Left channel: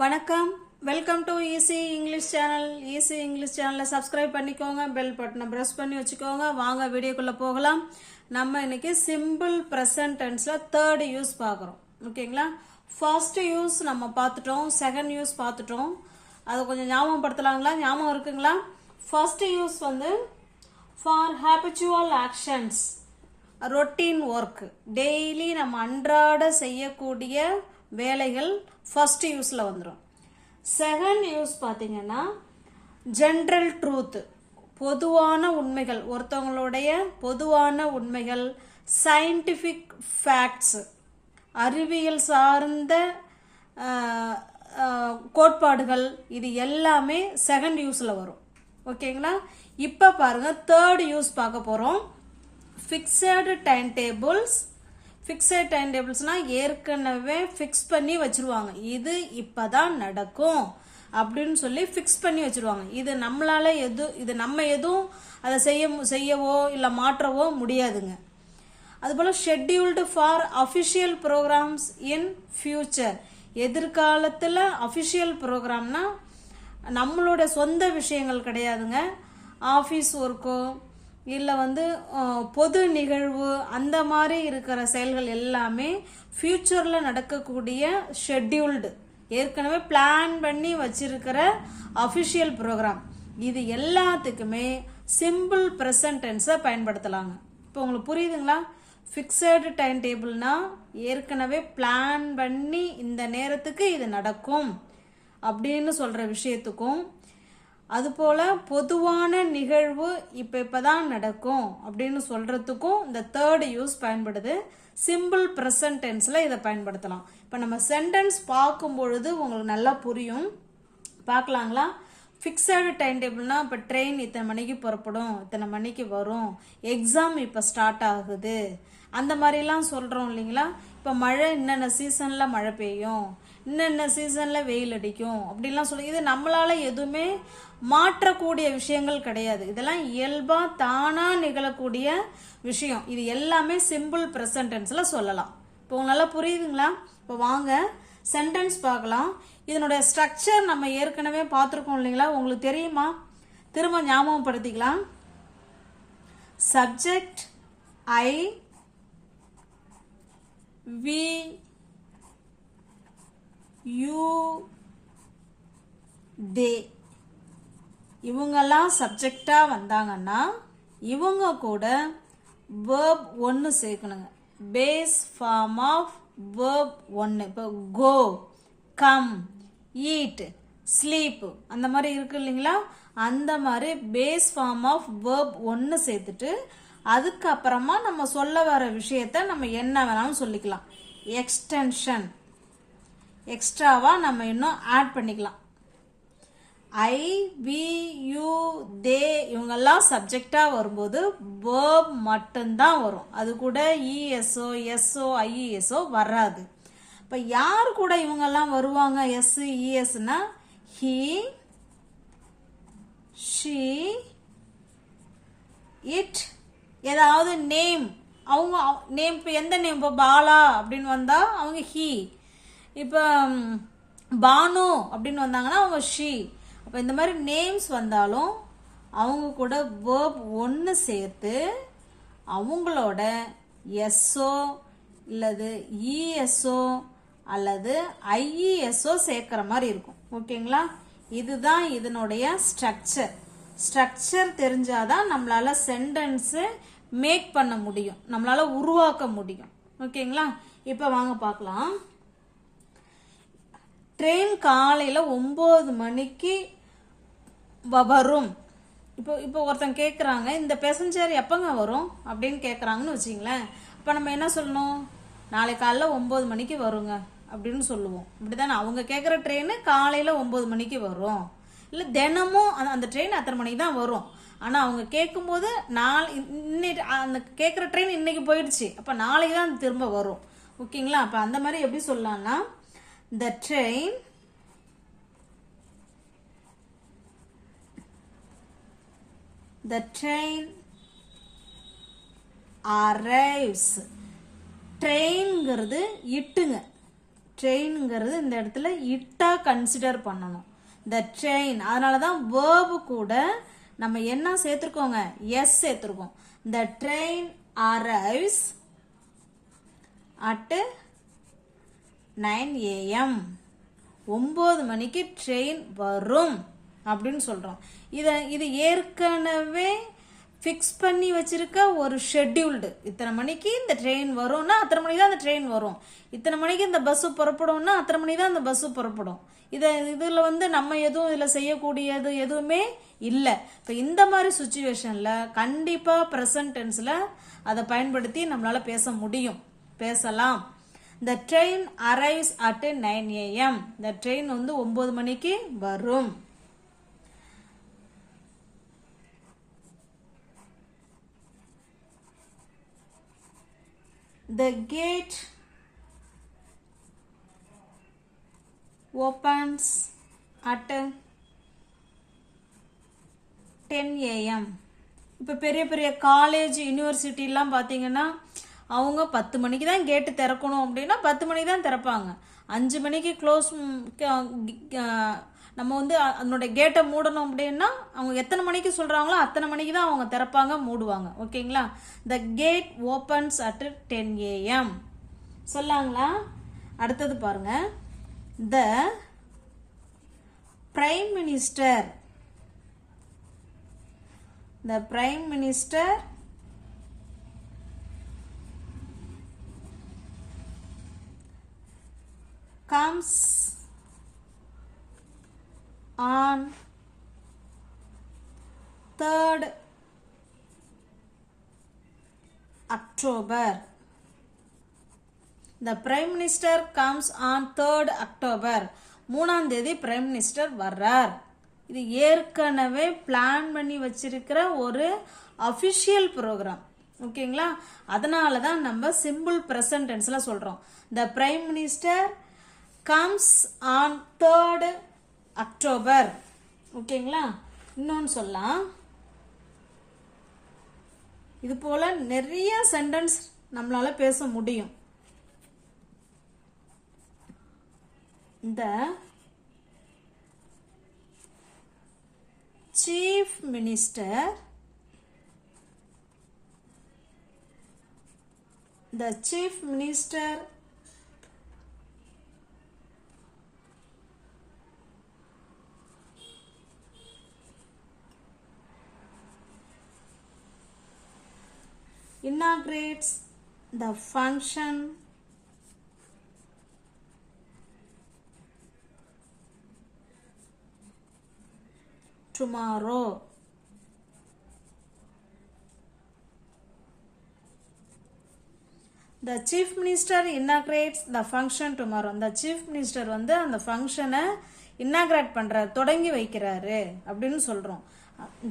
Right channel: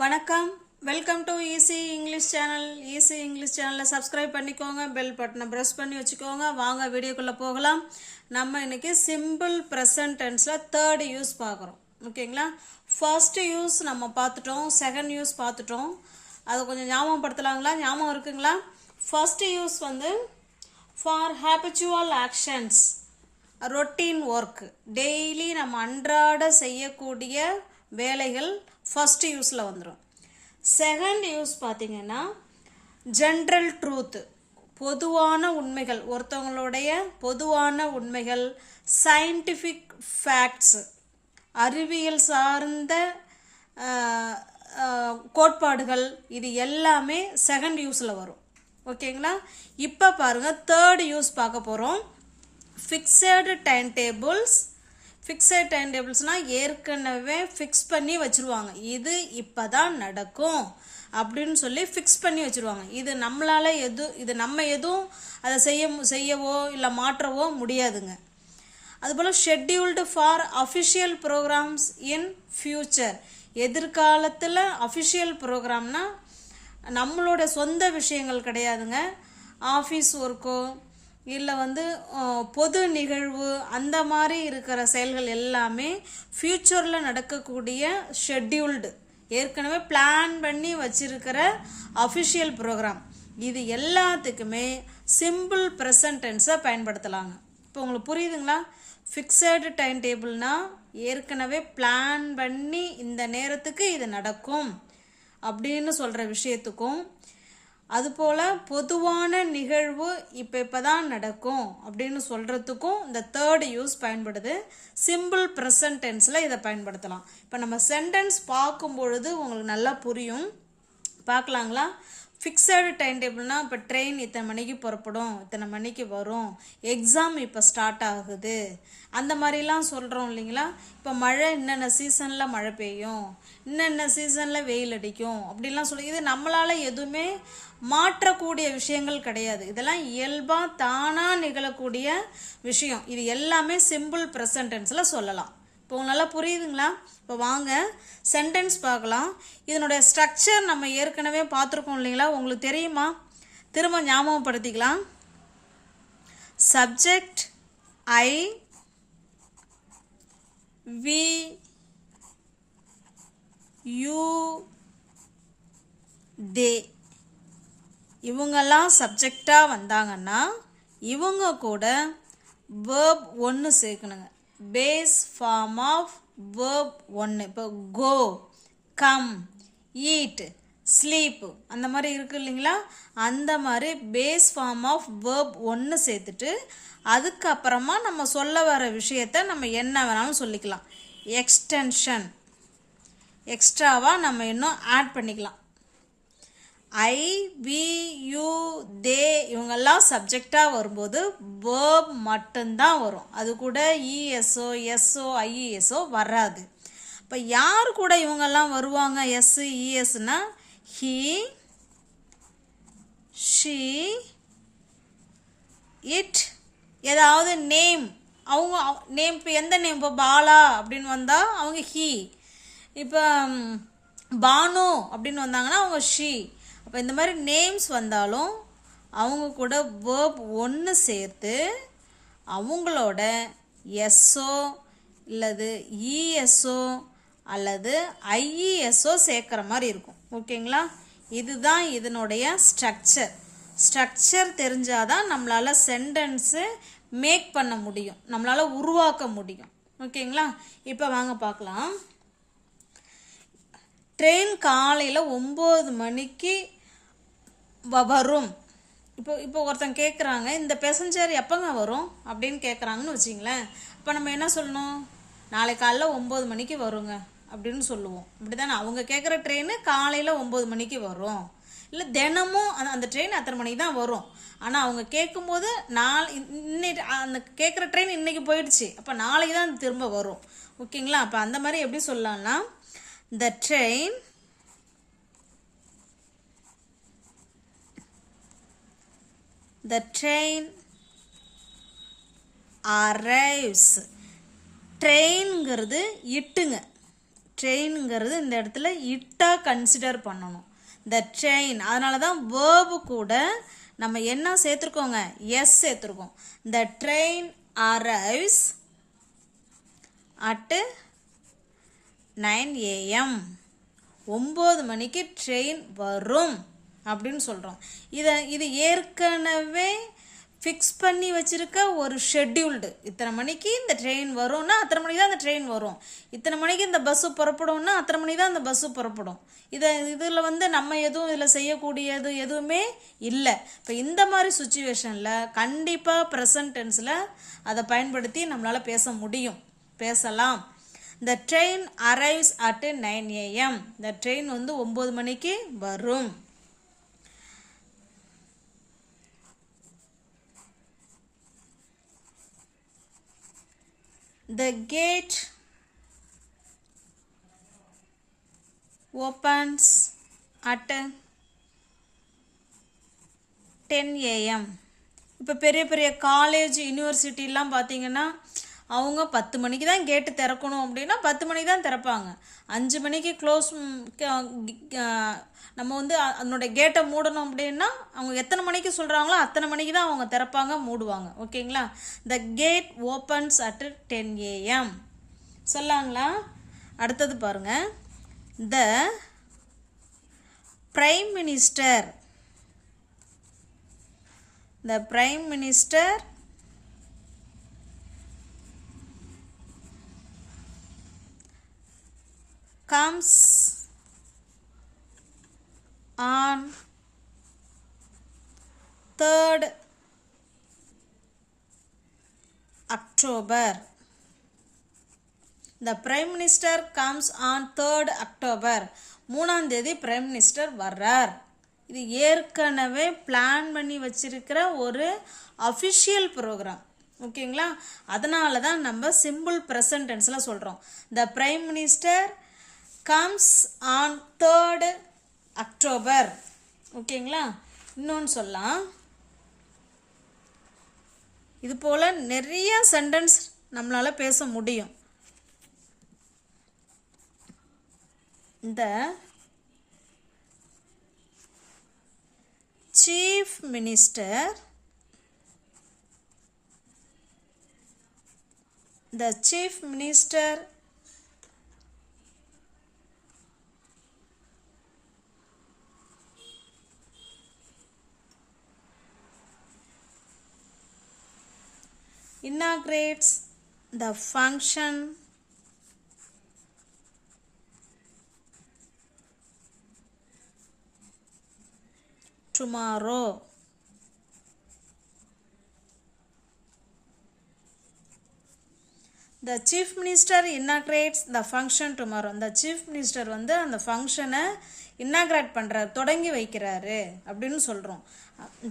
வணக்கம். Welcome to easy English channel easy English சேனலில் subscribe பண்ணிக்கோங்க. பெல் பட்டனை ப்ரெஸ் பண்ணி வச்சுக்கோங்க. வாங்க வீடியோக்குள்ளே போகலாம். நம்ம இன்றைக்கி சிம்பிள் ப்ரெசன்ட் டென்ஸில் தேர்டு யூஸ் பார்க்குறோம். ஓகேங்களா? ஃபர்ஸ்ட் யூஸ் நம்ம பார்த்துட்டோம். செகண்ட் யூஸ் பார்த்துட்டோம். அதை கொஞ்சம் ஞாபகப்படுத்தலாங்களா? ஞாபகம் இருக்குங்களா? ஃபர்ஸ்ட் யூஸ் வந்து for habitual actions routine work daily நம்ம அன்றாட செய்யக்கூடிய வேலைகள் ஃபஸ்ட்டு யூஸில் வந்துடும் செகண்ட் யூஸ் பார்த்தீங்கன்னா ஜென்ரல் ட்ரூத் பொதுவான உண்மைகள் ஒருத்தவங்களுடைய பொதுவான உண்மைகள் சயின்டிஃபிக் ஃபேக்ட்ஸ் அறிவியல் சார்ந்த கோட்பாடுகள் இது எல்லாமே செகண்ட் யூஸில் வரும். ஓகேங்களா? இப்போ பாருங்க தேர்ட் யூஸ் பார்க்க போகிறோம் fixed time tables fixed time டேபிள்ஸ்னால் ஏற்கனவே ஃபிக்ஸ் பண்ணி வச்சுருவாங்க. இது இப்போ தான் நடக்கும். அப்படின்னு சொல்லி ஃபிக்ஸ் பண்ணி வச்சுருவாங்க. இது நம்மளால் எது இது நம்ம எதுவும் அதை செய்ய செய்யவோ இல்லை மாற்றவோ முடியாதுங்க. அதுபோல் scheduled for official programs in future எதிர்காலத்தில் அஃபிஷியல் ப்ரோக்ராம்னால் நம்மளோட சொந்த விஷயங்கள் கிடையாதுங்க. ஆஃபீஸ் ஒர்க்கோ இல்லை வந்து பொது நிகழ்வு அந்த மாதிரி இருக்கிற செயல்கள் எல்லாமே ஃப்யூச்சரில் நடக்கக்கூடிய ஷெட்யூல்டு ஏற்கனவே பிளான் பண்ணி வச்சிருக்கிற அஃபிஷியல் ப்ரோக்ராம் இது எல்லாத்துக்குமே சிம்பிள் ப்ரெசன்ட் டென்ஸை பயன்படுத்தலாங்க. இப்போ உங்களுக்கு புரியுதுங்களா? ஃபிக்ஸடு டைம் டேபிள்னால் ஏற்கனவே பிளான் பண்ணி இந்த நேரத்துக்கு இது நடக்கும் அப்படின்னு சொல்கிற விஷயத்துக்கும் அதுபோல் பொதுவான நிகழ்வு இப்போ இப்போ தான் நடக்கும் அப்படின்னு சொல்கிறதுக்கும் இந்த தேர்ட் யூஸ் பயன்படுது. சிம்பிள் ப்ரெசன்ட் டென்ஸில் இதை பயன்படுத்தலாம். இப்போ நம்ம சென்டென்ஸ் பார்க்கும் பொழுது உங்களுக்கு நல்லா புரியும். பார்க்கலாங்களா? ஃபிக்ஸடு டைம் டேபிள்னால் இப்போ ட்ரெயின் இத்தனை மணிக்கு புறப்படும் இத்தனை மணிக்கு வரும் எக்ஸாம் இப்போ ஸ்டார்ட் ஆகுது. அந்த மாதிரிலாம் சொல்கிறோம் இல்லைங்களா? இப்போ மழை இன்னென்ன சீசனில் மழை பெய்யும் இன்னென்ன சீசனில் வெயில் அடிக்கும் அப்படிலாம் சொல்லி இது நம்மளால் எதுவுமே மாற்றக்கூடிய விஷயங்கள் கிடையாது. இதெல்லாம் இயல்பாக தானாக நிகழக்கூடிய விஷயம். இது எல்லாமே சிம்பிள் ப்ரெசன்டென்ஸில் சொல்லலாம். இப்போ உங்களுக்கு நல்லா புரியுதுங்களா? இப்போ வாங்க சென்டென்ஸ் பார்க்கலாம். இதனுடைய ஸ்ட்ரக்சர் நம்ம ஏற்கனவே பார்த்துருக்கோம் இல்லைங்களா? உங்களுக்கு தெரியுமா? திரும்ப ஞாபகப்படுத்திக்கலாம். Subject I we you they இவங்கெல்லாம் சப்ஜெக்டாக வந்தாங்கன்னா இவங்க கூட வேர்ப் ஒன்று சேர்க்கணுங்க. பேஸ் ஃபார்ம் ஆஃப் வேர்ப் ஒன்று இப்போ கோ கம் ஈட் ஸ்லீப் அந்த மாதிரி இருக்குது இல்லைங்களா? அந்த மாதிரி பேஸ் ஃபார்ம் ஆஃப் வேர்ப் ஒன்று சேர்த்துட்டு அதுக்கப்புறமா நம்ம சொல்ல வர விஷயத்த நம்ம என்ன வேணாலும் சொல்லிக்கலாம். எக்ஸ்டென்ஷன் எக்ஸ்ட்ராவாக நம்ம இன்னும் ஆட் பண்ணிக்கலாம். ஐ வி யூ தே இவங்கெல்லாம் சப்ஜெக்டாக வரும்போது வேர்ப் மட்டும்தான் வரும். அது கூட இஎஸ்ஓ எஸ்ஓ ஐஇஎஸ்ஓ வராது. இப்போ யார் கூட இவங்கெல்லாம் வருவாங்க? எஸ் இஎஸ்னா ஹி ஷீ இட் ஏதாவது நேம் அவங்க நேம் இப்போ எந்த நேம் இப்போ பாலா அப்படின்னு வந்தால் அவங்க ஹி இப்போ பானு அப்படின்னு வந்தாங்கன்னா அவங்க ஷி அப்போ இந்த மாதிரி நேம்ஸ் வந்தாலும் அவங்க கூட வேர்ப் ஒன்று சேர்த்து அவங்களோட எஸ்ஓ இல்லது இஎஸ்ஓ அல்லது ஐஇஎஸ்ஓ சேர்க்குற மாதிரி இருக்கும். ஓகேங்களா? இதுதான் இதனுடைய ஸ்ட்ரக்சர் ஸ்ட்ரக்சர் தெரிஞ்சாதான் நம்மளால் சென்டென்ஸு மேக் பண்ண முடியும். நம்மளால் உருவாக்க முடியும். ஓகேங்களா? இப்போ வாங்க பார்க்கலாம். ட்ரெயின் காலையில் ஒம்பது மணிக்கு வரும். இப்போ இப்போ ஒருத்தன் கேட்குறாங்க இந்த பேசஞ்சர் எப்போங்க வரும்? அப்படின்னு கேட்குறாங்கன்னு வச்சிங்களேன். இப்போ நம்ம என்ன சொல்லணும்? நாளை காலைல ஒம்பது மணிக்கு வருங்க அப்படின்னு சொல்லுவோம். இப்படி தானே அவங்க கேட்குற ட்ரெயின் காலையில் ஒம்பது மணிக்கு வரும். இல்லை தினமும் அந்த அந்த ட்ரெயின் அத்தனை மணிக்கு தான் வரும். ஆனால் அவங்க கேட்கும்போது நாள் இன்னைக்கு அந்த கேட்குற ட்ரெயின் இன்றைக்கி போயிடுச்சு. அப்போ நாளைக்கு தான் திரும்ப வரும். ஓகேங்களா? அப்போ அந்த மாதிரி எப்படி சொல்லலாம்னா the train the train arrives. ட்ரெயின்ங்கிறது இட்டுங்க. ட்ரெயினுங்கிறது இந்த இடத்துல இட்டாக கன்சிடர் பண்ணணும். த ட்ரெயின் அதனால தான் வேர்பு கூட நம்ம என்ன சேர்த்துருக்கோங்க? எஸ் சேர்த்துருக்கோம். The train arrives at nine AM ஒம்பது மணிக்கு ட்ரெயின் வரும். அப்படின்னு சொல்கிறோம் இதை இது ஏற்கனவே ஃபிக்ஸ் பண்ணி வச்சிருக்க ஒரு ஷெட்யூல்டு இத்தனை மணிக்கு இந்த ட்ரெயின் வரும்னா அத்தனை மணிக்கு தான் அந்த ட்ரெயின் வரும். இத்தனை மணிக்கு இந்த பஸ்ஸு புறப்படும்னா அத்தனை மணிக்கு தான் அந்த பஸ்ஸு புறப்படும். இதை இதில் வந்து நம்ம எதுவும் இதில் செய்யக்கூடியது எதுவுமே இல்லை. இப்போ இந்த மாதிரி சுச்சுவேஷனில் கண்டிப்பாக ப்ரெசன்ட் டென்ஸில் அதை பயன்படுத்தி நம்மளால் பேச முடியும். பேசலாம். இந்த train arrives at nine AM இந்த ட்ரெயின் வந்து ஒம்பது மணிக்கு வரும். The gate opens at 10 AM இப்போ பெரிய பெரிய காலேஜ் யூனிவர்சிட்டிலாம் பார்த்தீங்கன்னா அவங்க பத்து மணிக்கு தான் கேட்டு திறக்கணும் அப்படின்னா பத்து மணிக்கு தான் திறப்பாங்க. அஞ்சு மணிக்கு க்ளோஸ் நம்ம வந்து அ- அதனோட கேட்டை மூடணும் அப்படின்னா அவங்க எத்தனை மணிக்கு சொல்கிறாங்களோ அத்தனை மணிக்கு தான் அவங்க திறப்பாங்க மூடுவாங்க. ஓகேங்களா? The gate opens at ten AM சொல்லாங்களா? அடுத்தது பாருங்க. The prime minister the prime minister comes on 3rd October. The Prime Minister comes on 3rd October. மூணாம் தேதி பிரைம் மினிஸ்டர் வர்றார். இது ஏற்கனவே பிளான் பண்ணி வச்சிருக்கிற ஒரு அஃபிஷியல் ப்ரோக்ராம் ஓகேங்களா? அதனால தான் நம்ம சிம்பிள் ப்ரெசன்டென்ஸில் சொல்கிறோம் the prime minister comes on third October ஓகேங்களா இன்னொன்று சொல்லலாம். இது போல் நிறைய சென்டென்ஸ் நம்மளால் பேச முடியும். இந்த chief minister the chief minister inaugurates the function tomorrow. The chief minister inaugurates the function tomorrow அந்த சீஃப் மினிஸ்டர் வந்து அந்த ஃபங்க்ஷனை இன்னாக்ரேட் பண்ணுறாரு தொடங்கி வைக்கிறாரு அப்படின்னு சொல்கிறோம்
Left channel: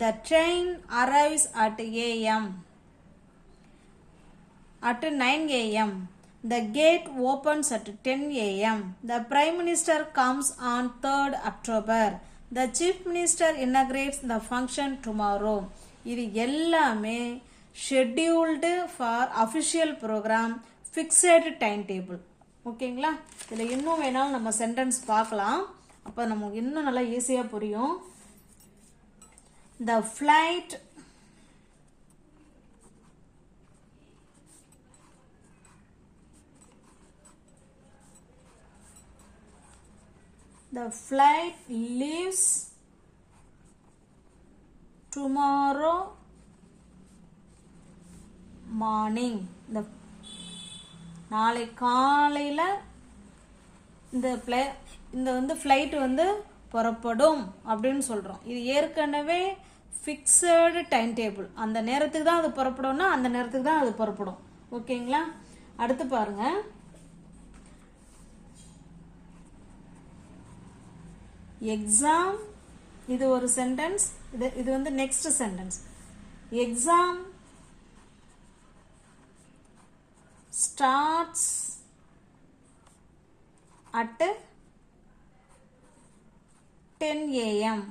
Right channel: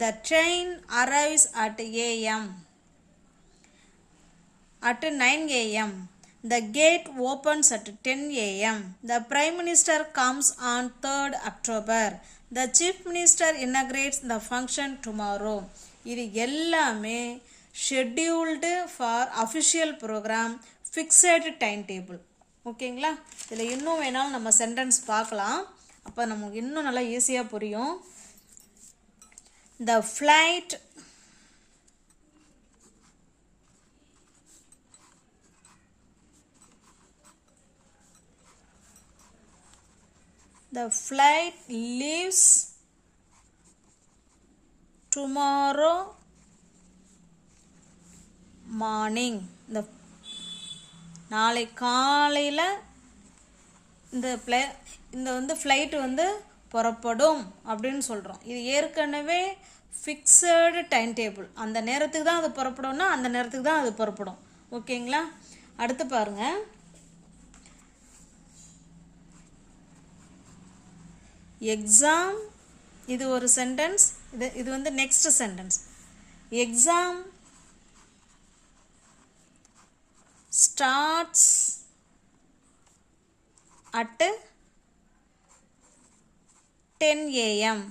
the train arrives at AM at 9 am the gate opens at 10 am the prime minister comes on 3rd october the chief minister inaugurates the function tomorrow இது எல்லாமே scheduled for official program fixed time table ஓகேங்களா இதில் இன்னும் வேணாலும் நம்ம sentence பார்க்கலாம் அப்போ நமக்கு இன்னும் நல்லா ஈஸியாக புரியும் the flight The flight leaves tomorrow morning இந்த நாளை காலையில் இந்த ப்ளே இந்த வந்து ஃப்ளைட்டு வந்து புறப்படும் அப்படின்னு சொல்கிறோம் இது ஏற்கனவே ஃபிக்ஸடு டைம் டேபிள் அந்த நேரத்துக்கு தான் அது புறப்படும்னா அந்த நேரத்துக்கு தான் அது புறப்படும். ஓகேங்களா? அடுத்து பாருங்கள் எக்ஸாம் இது ஒரு சென்டென்ஸ் இது இது வந்து next sentence exam starts at ten AM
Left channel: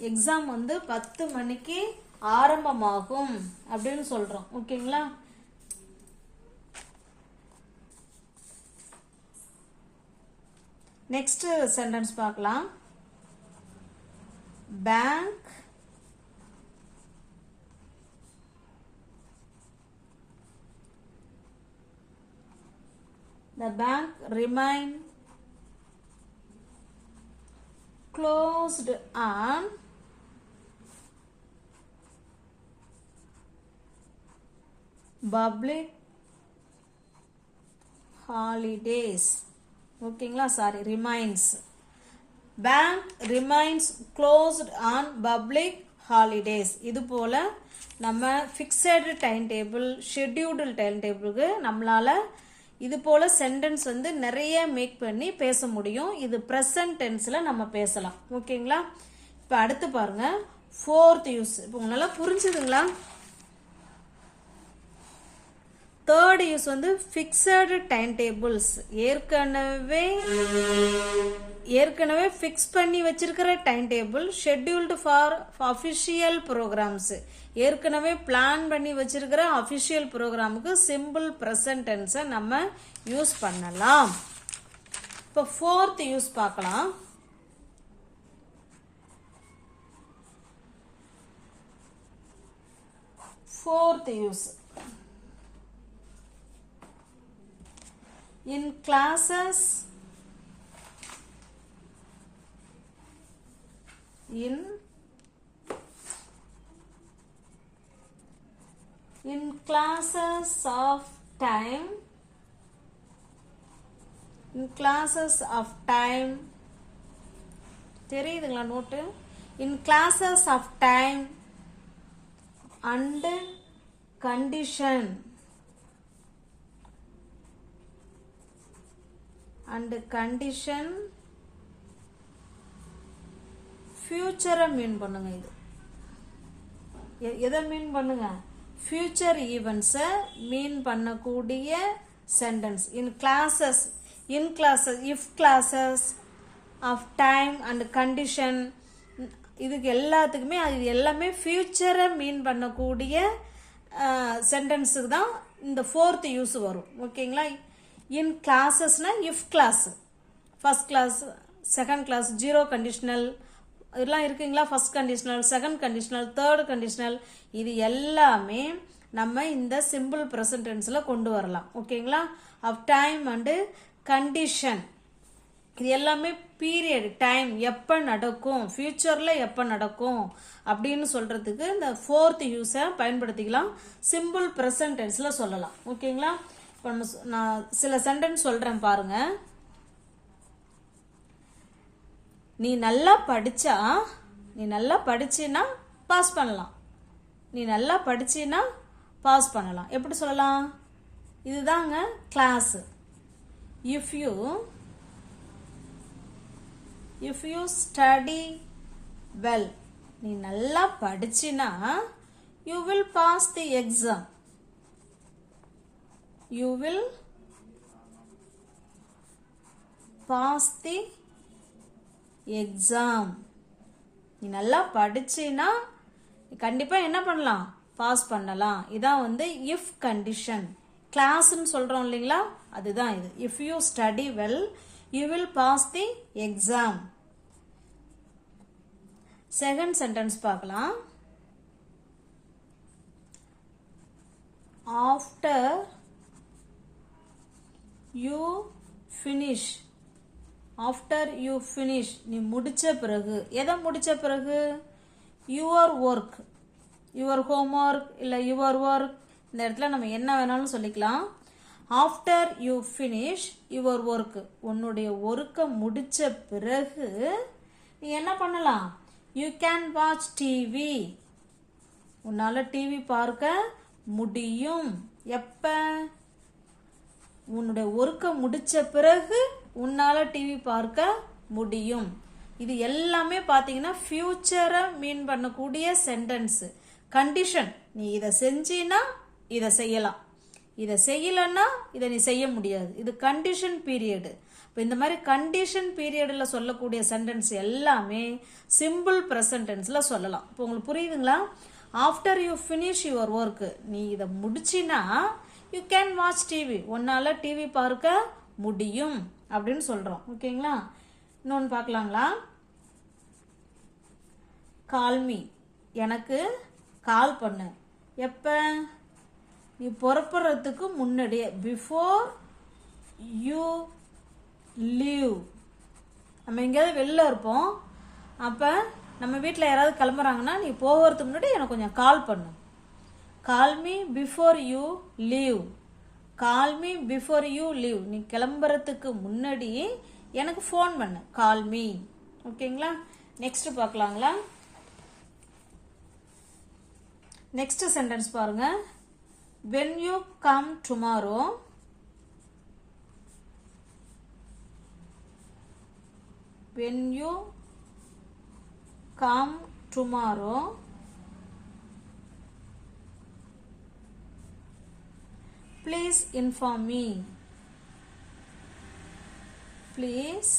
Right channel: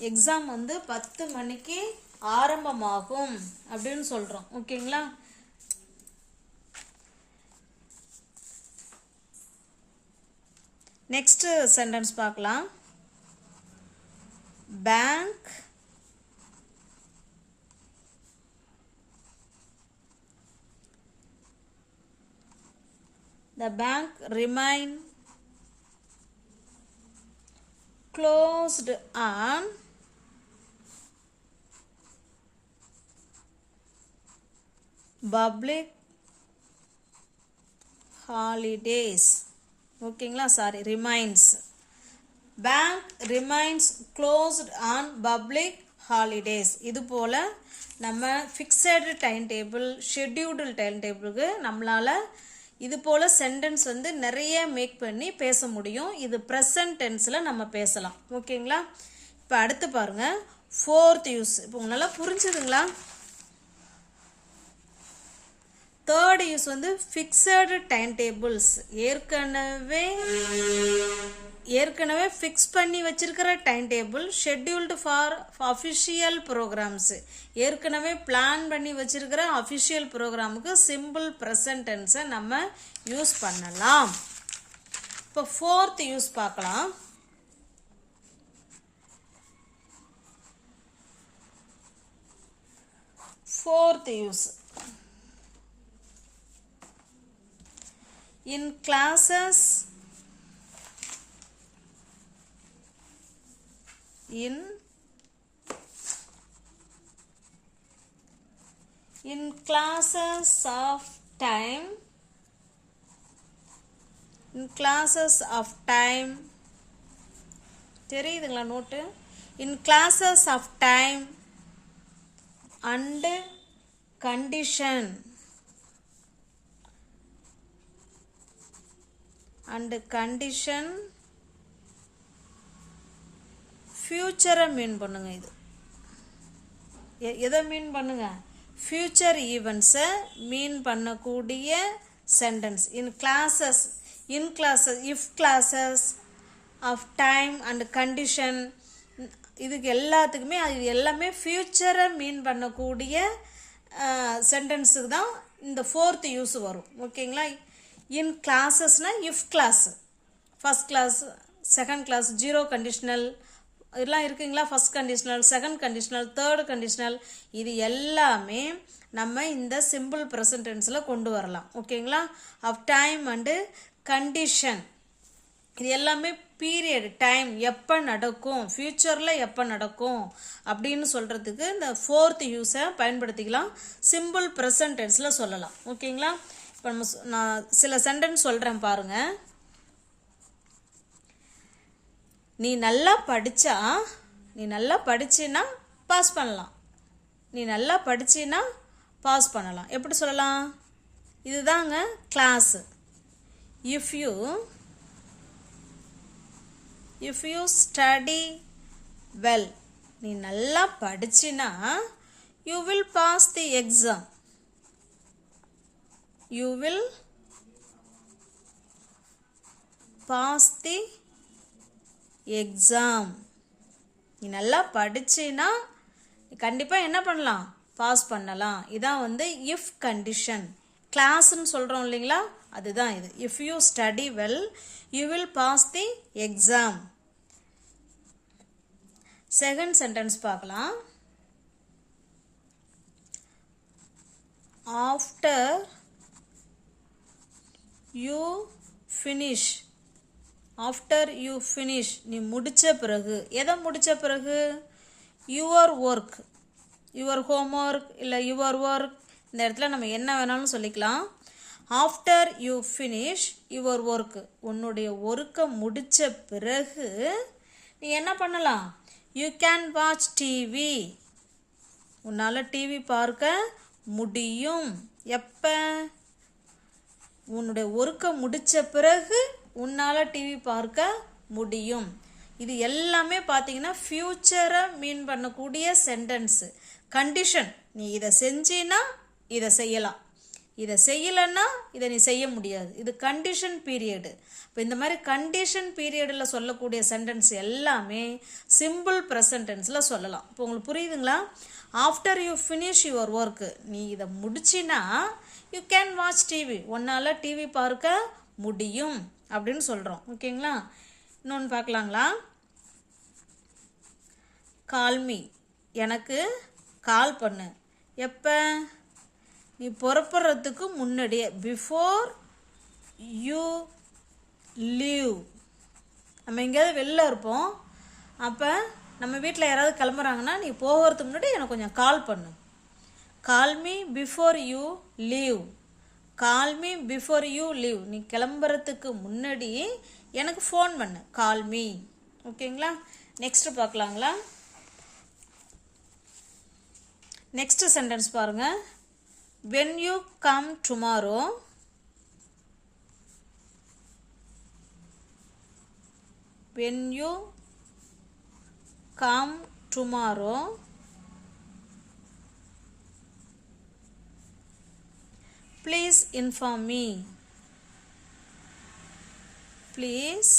exam வந்து பத்து மணிக்கு ஆரம்பமாகும் அப்படின்னு சொல்கிறோம் ஓகேங்களா நெக்ஸ்ட் சென்டென்ஸ் பார்க்கலாம் bank the bank remain closed on public holidays ஓகேங்களா? Sorry remains bank remains closed on public holidays இது போல் நம்ம fixed time table scheduled time டேபிளுக்கு நம்மளால் இது போல் சென்டென்ஸ் வந்து நிறைய மேக் பண்ணி பேச முடியும். இது ப்ரெசன்ட் டென்ஸில் நம்ம பேசலாம். ஓகேங்களா? இப்போ அடுத்து பாருங்கள் ஃபோர்த் யூஸ் இப்போ உங்களால் புரிஞ்சுதுங்களா? தேர்ட் யூஸ் வந்து ஃபிக்ஸடு டைம் டேபிள்ஸ் ஏற்கனவே ஏற்கனவே ஃபிக்ஸ் பண்ணி வச்சிருக்கிற time table scheduled for official programs ஏற்கனவே பிளான் பண்ணி வச்சிருக்கிற அஃபிஷியல் ப்ரோக்ராமுக்கு சிம்பிள் ப்ரெசன்டென்ஸை நம்ம யூஸ் பண்ணலாம். இப்போ ஃபோர்த் யூஸ் பார்க்கலாம். Fourth use in classes in in classes of time in classes of time தெரியுதுங்களா note in classes of time and condition And condition ஃப்யூச்சரை மீன் பண்ணுங்க இது. எதை மீன் பண்ணுங்க? ஃப்யூச்சர் ஈவெண்ட்ஸை மீன் பண்ணக்கூடிய sentence in clauses in clauses if clauses of time and condition இதுக்கு எல்லாத்துக்குமே அது எல்லாமே ஃப்யூச்சரை மீன் பண்ணக்கூடிய சென்டென்ஸுக்கு தான் இந்த ஃபோர்த்து யூஸ் வரும். ஓகேங்களா இன் கிளாஸஸ்னால் if clause first clause second clause zero conditional இதெல்லாம் இருக்குங்களா? First conditional second conditional third conditional இது எல்லாமே நம்ம இந்த சிம்பிள் ப்ரெசன்ட் டென்ஸில் கொண்டு வரலாம். ஓகேங்களா? ஆஃப் டைம் அண்டு கண்டிஷன் இது எல்லாமே பீரியட் டைம் எப்போ நடக்கும் ஃப்யூச்சரில் எப்போ நடக்கும் அப்படின்னு சொல்கிறதுக்கு இந்த ஃபோர்த் யூஸை பயன்படுத்திக்கலாம். சிம்பிள் ப்ரெசன்டென்ஸில் சொல்லலாம். ஓகேங்களா? இப்போ நம்ம சொ- நான் சில சென்டென்ஸ் சொல்கிறேன் பாருங்கள் நீ நல்லா படித்தா நீ நல்லா படிச்சின்னா பாஸ் பண்ணலாம். நீ நல்லா படிச்சின்னா பாஸ் பண்ணலாம். எப்படி சொல்லலாம்? இதுதாங்க clause if you if you study well நீ நல்லா படிச்சினா you will pass the exam you will pass the exam நீ நல்லா படிச்சினா கண்டிப்பாக என்ன பண்ணலாம்? பாஸ் பண்ணலாம். இதான் வந்து இஃப் கண்டிஷன் கிளாஸ்ன்னு சொல்கிறோம் இல்லைங்களா? அதுதான் இது. If you study well you will pass the exam second sentence பார்க்கலாம். After you finish after you finish நீ முடித்த பிறகு. எதை முடித்த பிறகு? Your work your homework இல்லை யுவர் ஒர்க் இந்த இடத்துல நம்ம என்ன வேணாலும் சொல்லிக்கலாம். After you finish your work உன்னுடைய ஒர்க்கை முடித்த பிறகு நீ என்ன பண்ணலாம்? யூ கேன் வாட்ச் டிவி உன்னால் டிவி பார்க்க முடியும். எப்போ? உன்னுடைய ஒர்க்கை முடித்த பிறகு உன்னால் டிவி பார்க்க முடியும். இது எல்லாமே பார்த்தீங்கன்னா ஃப்யூச்சரை மீன் பண்ணக்கூடிய சென்டென்ஸு கண்டிஷன் நீ இதை செஞ்சினா இதை செய்யலாம். இதை செய்யலைன்னா இதை நீ செய்ய முடியாது. இது கண்டிஷன் பீரியடு இப்போ இந்த மாதிரி கண்டிஷன் பீரியடில் சொல்லக்கூடிய சென்டென்ஸ் எல்லாமே சிம்பிள் ப்ரெசன்ட் டென்ஸில் சொல்லலாம். இப்போ உங்களுக்கு புரியுதுங்களா? After you finish your work நீ இதை முடிச்சினா யூ கேன் வாட்ச் டிவி உன்னால் டிவி பார்க்க முடியும் அப்படின்னு சொல்கிறோம் ஓகேங்களா? இன்னொன்று பார்க்கலாங்களா? கால்மி எனக்கு கால் பண்ணு. எப்போ? நீ புறப்படுறதுக்கு முன்னாடியே பிஃபோர் யூ லீவ் நம்ம எங்கேயாவது வெளில இருப்போம். அப்போ நம்ம வீட்டில் யாராவது கிளம்புறாங்கன்னா நீ போகிறதுக்கு முன்னாடி எனக்கு கொஞ்சம் கால் பண்ணு. Call me before you leave call me before you leave நீ கிளம்புறதுக்கு முன்னாடி எனக்கு ஃபோன் பண்ணு. கால் மீ ஓகேங்களா நெக்ஸ்ட் பார்க்கலாங்களா? நெக்ஸ்ட் சென்டென்ஸ் பாருங்க. When you come tomorrow when you come tomorrow please inform me please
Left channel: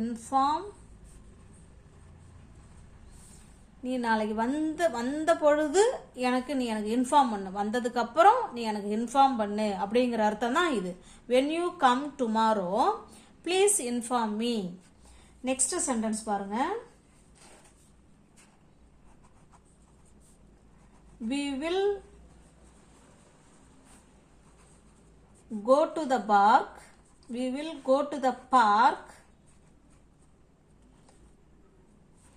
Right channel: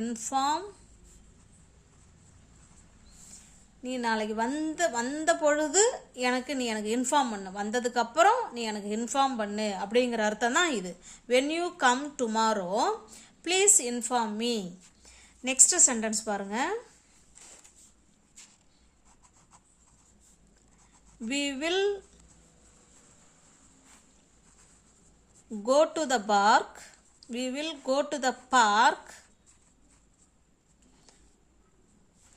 inform நீ நாளைக்கு வந்த வந்த பொழுது எனக்கு நீ எனக்கு இன்ஃபார்ம் பண்ணு. வந்ததுக்கப்புறம் நீ எனக்கு இன்ஃபார்ம் பண்ணு அப்படிங்கிற அர்த்தம் தான் இது. When you come tomorrow please inform me next sentence பாருங்க. We will go to the park we will go to the park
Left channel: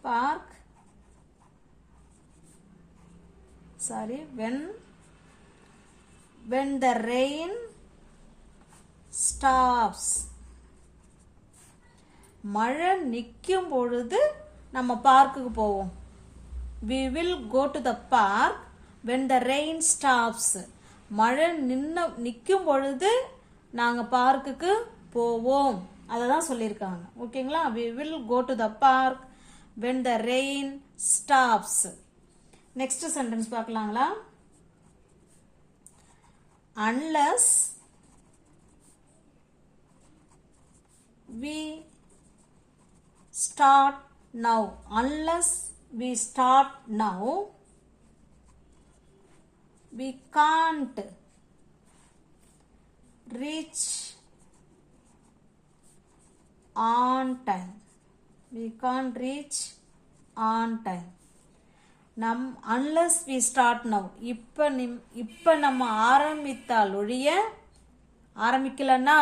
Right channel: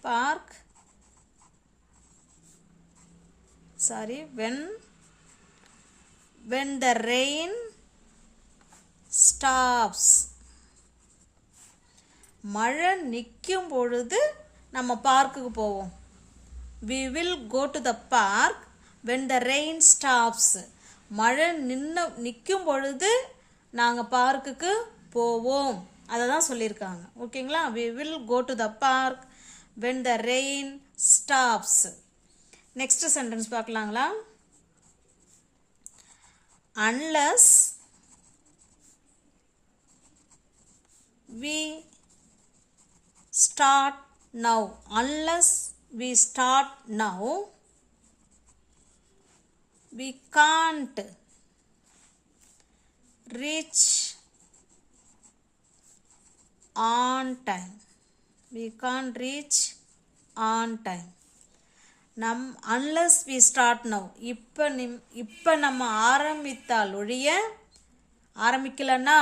park sorry when when the rain stops மழை நிற்கும் பொழுது நம்ம பார்க்குக்கு போவோம் we will go to the park when the rain stops மழை நின்று நிற்கும் பொழுது நாங்கள் பார்க்குக்கு போவோம். அதை தான் சொல்லியிருக்காங்க. ஓகேங்களா? We will go to the park when the rain stops next sentence பார்க்கலாங்களா? Unless we start now unless we start now we can't reach on time. We can't reach on time. நம் அன்லஸ் வி ஸ்டார்ட் நவ் இப்போ நிம் இப்போ நம்ம ஆரம்பித்தால் ஒழிய ஆரம்பிக்கலன்னா?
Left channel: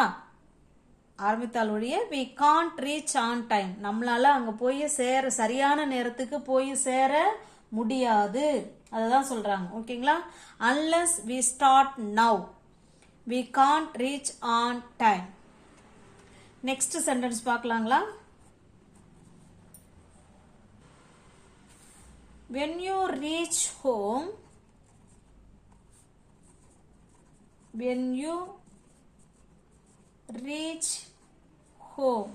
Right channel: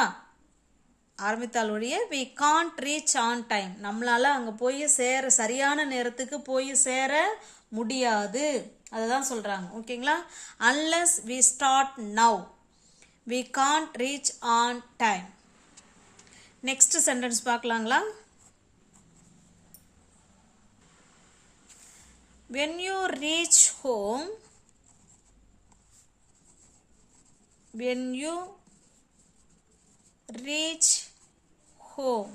ஆரம்பித்தால் ஒழிய we can't reach on time நம்மளால் அங்கே போய் சேர சரியான நேரத்துக்கு போய் சேர முடியாது. அதை தான் சொல்கிறாங்க ஓகேங்களா? Unless we start now we can't reach on time next sentence பார்க்கலாங்களா? When you reach home when you reach home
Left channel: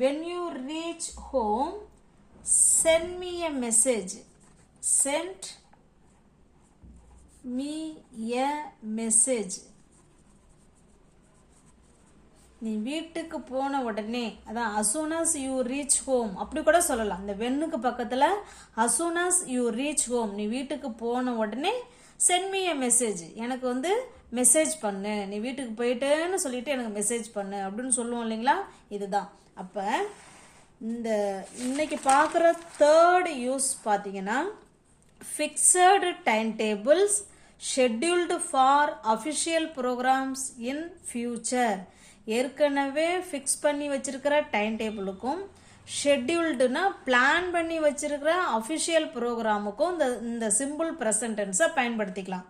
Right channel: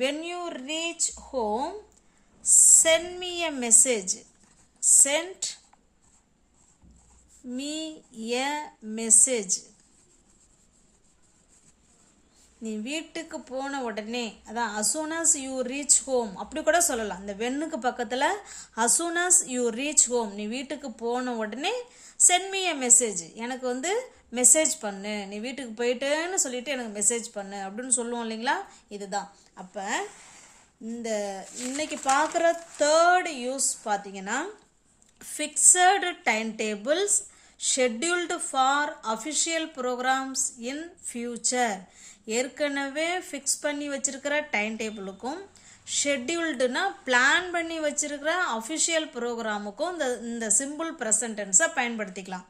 when you reach home send me a message. Send me a message. நீ வீட்டுக்கு போன உடனே அதான் அசூனாஸ் you reach home அப்படி கூட சொல்லலாம். இந்த வெண்ணுக்கு பக்கத்தில் அசூனாஸ் யூ ரீச் ஹோம் நீ வீட்டுக்கு போன உடனே சென்ட் மீ எ மெசேஜ் எனக்கு வந்து மெசேஜ் பண்ணு. நீ வீட்டுக்கு போயிட்டேன்னு சொல்லிட்டு எனக்கு மெசேஜ் பண்ணு. அப்படின்னு சொல்லுவோம் இல்லைங்களா? இதுதான். அப்போ இந்த இன்னைக்கு பார்க்குற தேர்ட் யூஸ் பார்த்தீங்கன்னா fixed time tables scheduled for official programs in future ஏற்கனவே ஃபிக்ஸ் பண்ணி வச்சுருக்கிற டைம் டேபிளுக்கும் ஷெட்யூல்டுனா பிளான் பண்ணி வச்சுருக்கிற அஃபிஷியல் ப்ரோக்ராமுக்கும் இந்த இந்த சிம்பிள் ப்ரெசன்டென்ஸை பயன்படுத்திக்கலாம்.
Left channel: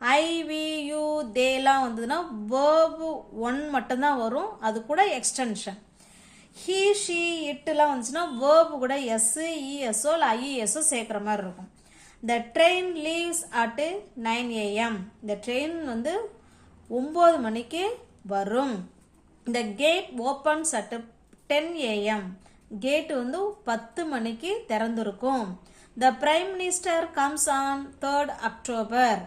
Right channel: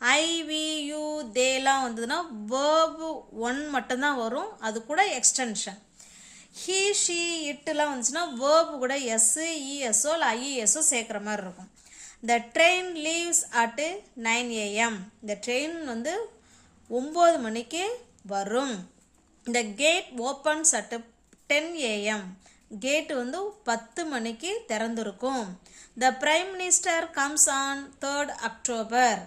ஐவியூ தேலாம் வந்ததுன்னா வேர்பு ஒன் மட்டும்தான் வரும். அது கூட எக்ஸ்டென்ஷன் ஹீ ஷீ இட்டுலாம் வந்துச்சுன்னா வேர்பு கூட எஸ்ஸு இஎஸ்ஓ e, இல்லை ஐஇஎஸ்ஓ e, சேர்க்குற மாதிரி இருக்கும். The train leaves at nine AM இந்த ட்ரெயின் வந்து ஒம்பது மணிக்கு வரும். இந்த gate opens at ten AM gate வந்து பத்து மணிக்கு திறந்திருக்கும். The prime minister comes on third October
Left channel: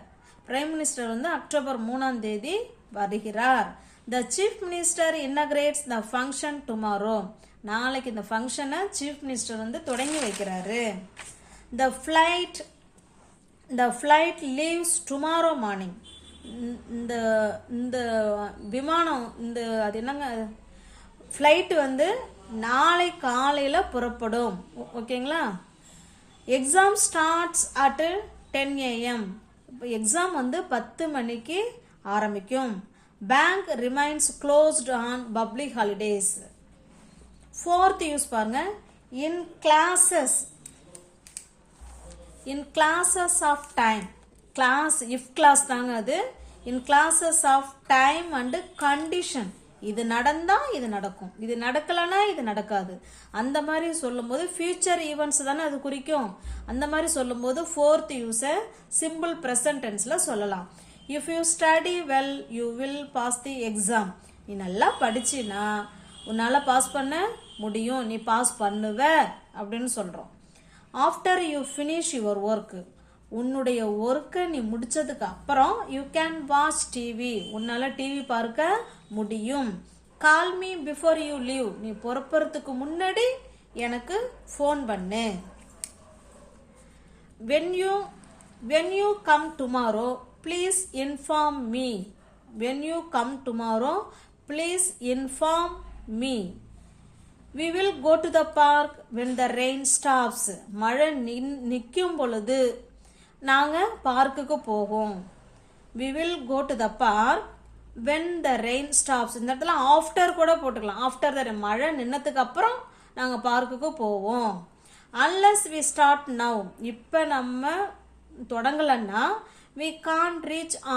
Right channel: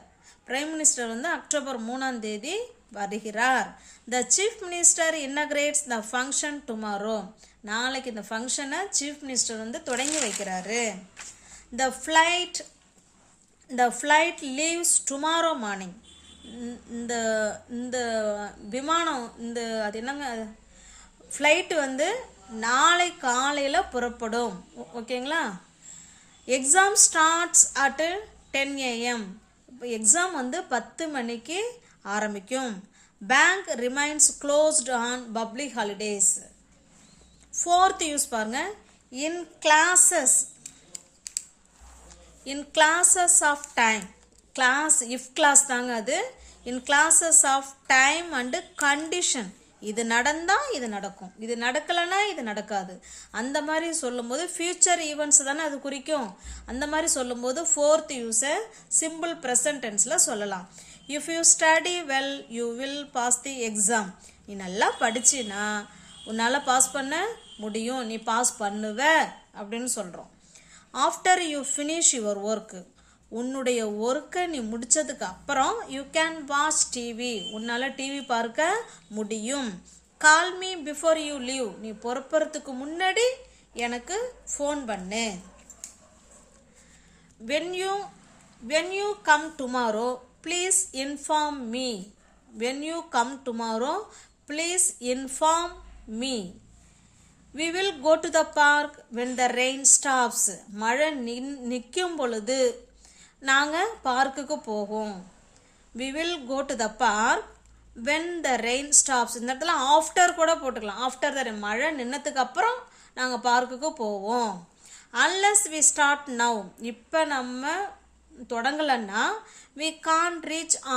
prime minister வந்து அக்டோபர் மூணாம் தேதி வருகிறார். The chief minister inaugurates the function tomorrow நாளைக்கு இந்த ஃபங்க்ஷனை சீஃப் மினிஸ்டர் வந்து தொடங்கி வைக்கிறாரு. The flight the flight leaves tomorrow morning இந்த- இந்த விமானம் இந்த அது என்னங்க? ஃப்ளைட் வந்து நாளை காலையில் புறப்படும். ஓ- ஓகேங்களா? Exam starts at ten AM exam வந்து பத்து மணிக்கு ஆரம்பிக்கும். Bank remains closed on public holidays fourth use பாருங்க. In clauses in clauses of time clause if clause தாங்க அது. In clauses of time and condition இது நடந்தால் இது நடக்கும். இது நடக்கலைன்னா இது நடக்காது. அந்த மாதிரி சொல்லும்போது ஃபியூச்சர் ஈவெண்ட்ஸ் தானே அது குறிக்கும். அந்த மாதிரி சொல்லும்போது ஃபோர்த் யூஸை சிம்பிள் ப்ரெசன்டென்ஸில் சொல்லலாம். If you study well you will pass the exam நீ நல்லா படிச்சினா உன்னால் பாஸ் பண்ண முடியும். நீ பாஸ் பண்ணுவ அப்படின்னு சொல்கிறோம் after you finish your work உன்னுடைய ஒர்க்கை நீ முடித்ததுக்கு அப்புறம் யூ கேன் வாட்ச் டிவி உன்னால் டிவி பார்க்க முடியும். Call me before you leave நீ புறப்புறதுக்கு முன்னாடி எனக்கு ஃபோன் பண்ணு. When you when you come tomorrow please inform me when you come tomorrow please inform me we will go to the park when the rain stops மழை நின் நிற்கும் பொழுது நாங்கள் பார்க்குக்கு போவோம் we will go to the park when the rain stops இந்த இடத்துல after கூட போட்டுக்கலாம் ஆஃப்டர் த மழை நின்னதுக்கு அப்புறம் நாங்கள் பார்க்குக்கு போவோம் அன்லஸ் வி ஸ்டார்ட் நவ் இப்போ நம்ம தொடங்கலைன்னா we can't reach on